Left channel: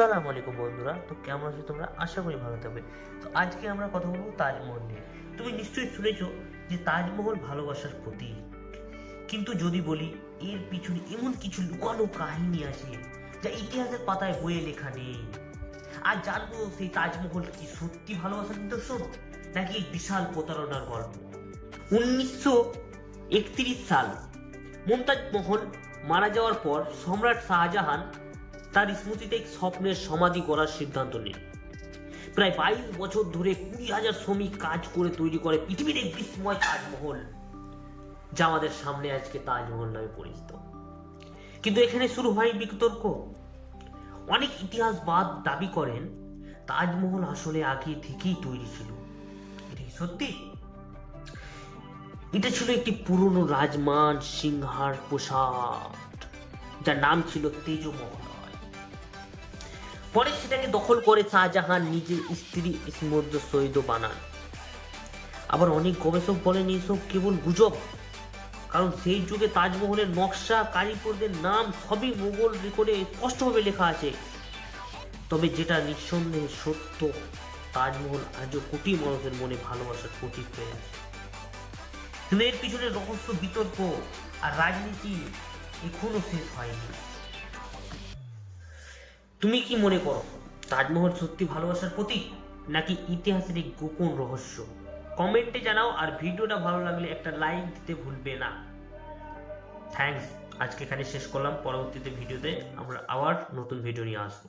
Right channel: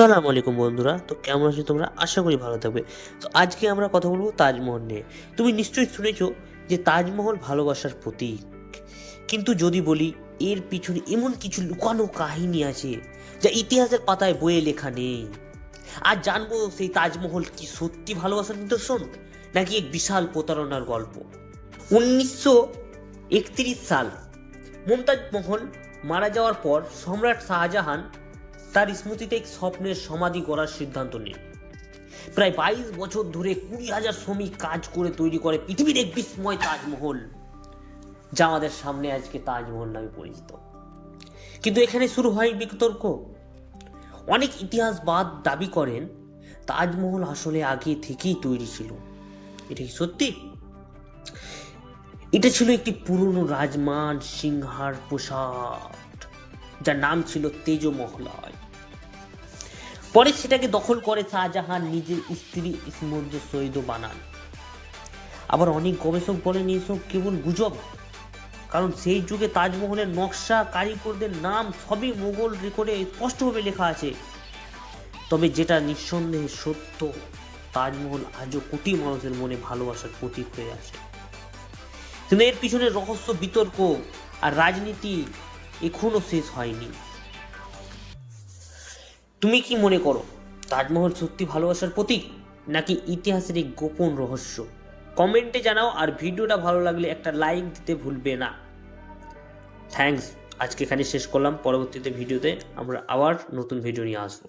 আসসালামু আলাইকুম বন্ধুরা। তো কেমন আছো তোমরা? আশা করি ভালো থাকবে। তো আজকে আমরা কথা বলব তাজমহল নিয়ে। তুমি নিশ্চয়ই শুনেছো যে তাজমহল ভালোবাসার প্রতীক। কিন্তু যদি বলি, এর পিছনে এমন কিছু লুকানো কাহিনী আছে, যা ইতিহাসের পাতায় বইয়ে লেখা নেই। আর জানব সেই তাজমহল কি সত্যি ভালোবাসার নিদর্শন, নাকি এক বিশাল প্রতারণার গল্প? উনিশশো একত্রিশ সাল মুমতাজ মহল মারা যাওয়ার পর সম্রাট শাহজাহান তার স্মৃতিতে এক স্বপ্নের সমাধি করার সিদ্ধান্ত নেন প্রায় বাইশ বছর ধরে কুড়ি হাজার শ্রমিক কাজ করে তৈরি করে পৃথিবীর এক বিস্ময় তাজমহল, যা আমাদের সামনে আজকে তাজমহল নামে পরিচিত। কিন্তু এখানে শুরু হয় বিতর্ক। অনেক ইতিহাসবাদ দাবি করেন, তাজমহল আসলে আগে থেকেই তৈরি ছিল। এটা কি সত্যি? এটা ছিল একটি পুরনো রাজমান সিংহার পোশাক যার নাম ছিল তেজমহলয় পরে সেটাকে দখল করে শাহজাহান নিজের স্ত্রী ইসমদ্দ সৈদ বানান। আবার অনেক গবেষক বলেন এইসব কেবল গুজব। কারণ সেই যুগে তাজমহলের নকশা কারিগরদের নাম সবই মোগল রেকর্ডে স্পষ্টভাবে লেখা আছে। তবে যেটা নিঃসন্দেহে সত্য, তাজমহল আজও কোটি মানুষের মনে ভালোবাসার প্রতীক হয়ে আছে। কিন্তু এর পিছনে রহস্য, বিতর্ক আর রাজনীতি এখনও শেষ হয়নি। তুমি কি মনে করো তাজমহল সত্যি ভালোবাসার প্রতীক, নাকি ইতিহাসের এই গোপন রহস্য? কমেন্টে জানাও, আর ভিডিওটা ভালো লাগলে একটা লাইক দিতে ভুলবে না। থ্যাংকস আজকে এখানে শেষ করলাম। পরবর্তীতে ভিডিওতে আমরা আবার নতুন ভিডিও নিয়ে আসব।